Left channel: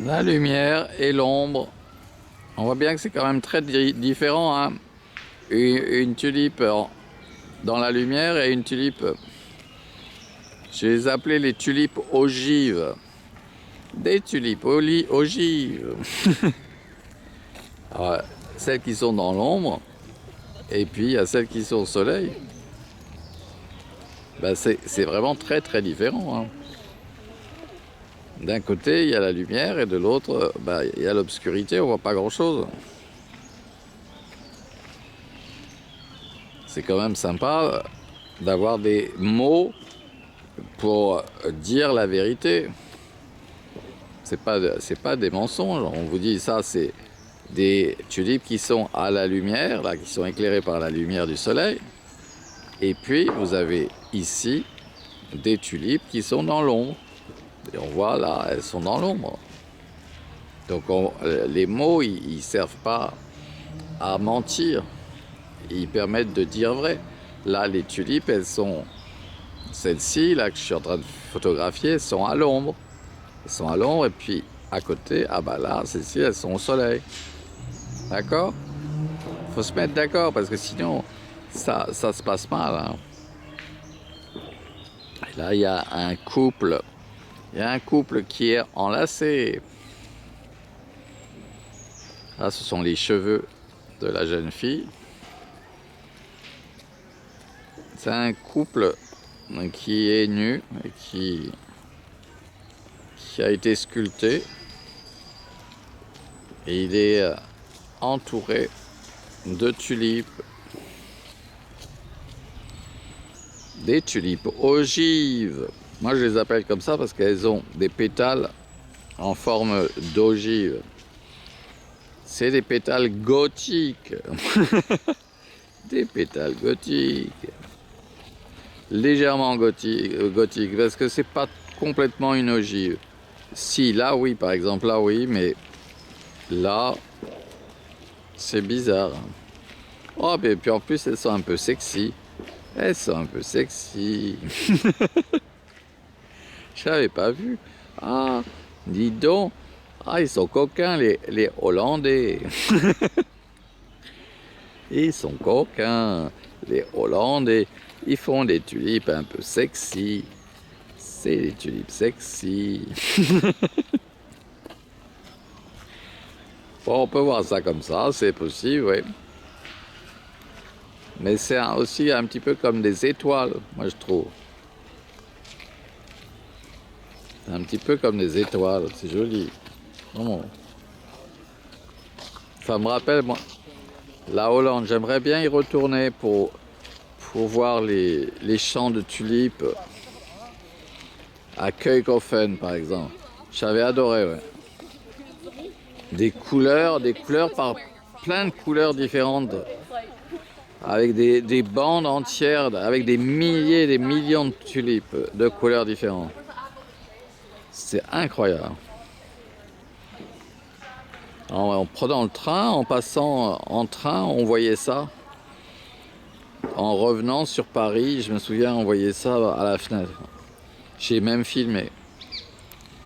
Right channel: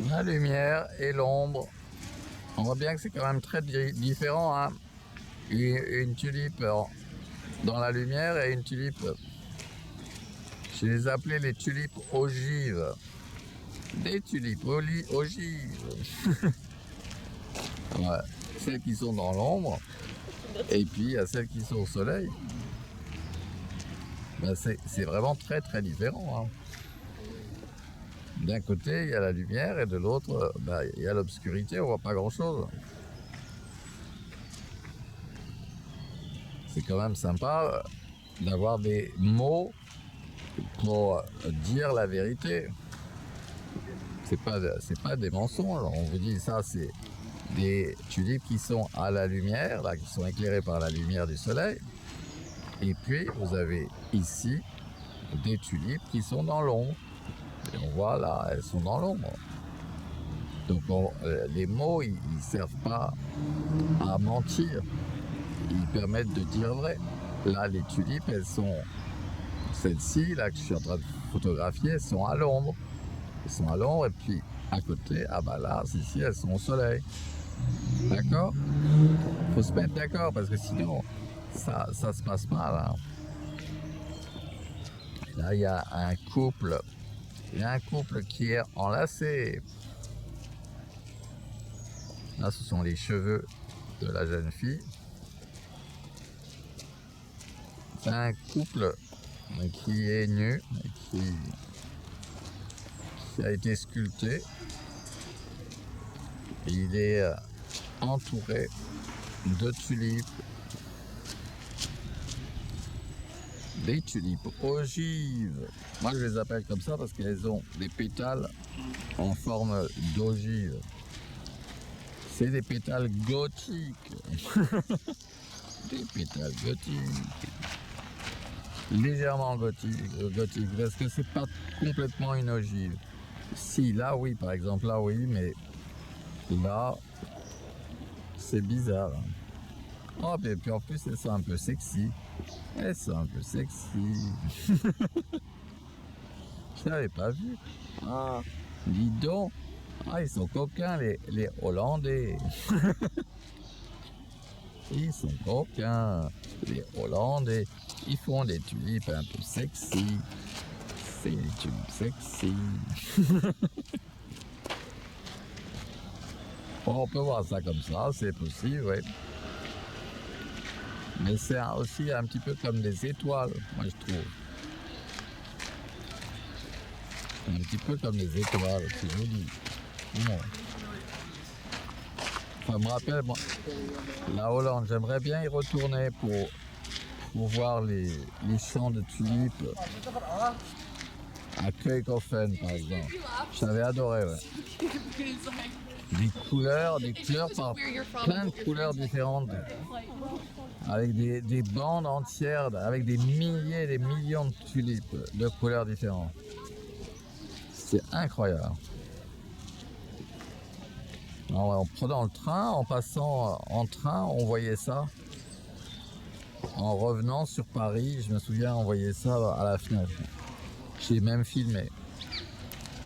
La lumière et l'ombre. On voit bien que c'est quand même très différent, hein. Une tulipe dans la lumière et une tulipe, je les appelais les tulipes ogives. Des tulipes ogives. Alors, celles qui sont dans l'ombre, et puis il y a celles qui sont au soleil. Ben, c'est vraiment très très différent, hein. D'un côté, il y a la lumière et de l'autre, bah, il y a l'obscurité, on voit pas grand-chose. C'est quand même sympa d'avoir des mots pour dire la vérité. C'est pas des mensonges. On vous dit ça, c'est des tulipes qui sont à la lumière, là, qui sont éclairées par la lumière du soleil. Et puis, vous avez ici des tulipes qui sont dans l'ombre. Et on voit là, elles sont dans l'ombre. Donc les mots, ils servent pas à mentir. Ils permettent de dire vrai. Là, les tulipes, elles sont... Celles-ci, là, que je suis en train de photographier, sont à l'ombre. Elles sont à l'ombre et puis à côté, ah bah là, celles-ci, elles sont au soleil. D'accord ? Faut se mettre d'accord parce que sinon, ça se passe mal, hein. Et là, il y a un couple. Il y a un couple qui est enlacé. Là, ce sont les cheveux de la jeune fille. C'est un couple qui est nu et qui a été sculpté. Et il est entouré de tulipes. Des tulipes ogives. Moi, je les appelle comme ça parce qu'elles ont des pétales en forme d'ogive. C'est des pétales gothiques. Des pétales gothiques. Légèrement gothiques, parce que c'est pas complètement une ogive. Si, là oui, par exemple, là oui, mais là, c'est bizarre. Oh, et puis en plus, elles sont un peu sexy. Elles sont un peu sexy. Je l'avais pas vu. Ah, dis donc. Ah, ils sont coquins, les Hollandais. Ils sont coquins, les Hollandais. Ils font des tulipes un peu sexy. C'est des tulipes sexy. Bon, on peut voir ça comme ça, c'est possible, oui. Mais c'est aussi un petit peu comme des étoiles, moi je trouve. C'est un petit peu comme des étoiles, c'est joli. Oh. Ça me rappelle, moi, la Hollande. J'aimerais bien y retourner pour voir les champs de tulipes à Keukenhofen, par exemple. J'avais adoré, ouais. Des couleurs par plein de couleurs différentes, avec des bandes entières, avec des milliers, des millions de tulipes de couleurs différentes. C'est incroyable. En prenant le train, en passant en train, on voyait ça. En revenant sur Paris, je me souviens, on voyait ça à la fenêtre. J'ai même filmé.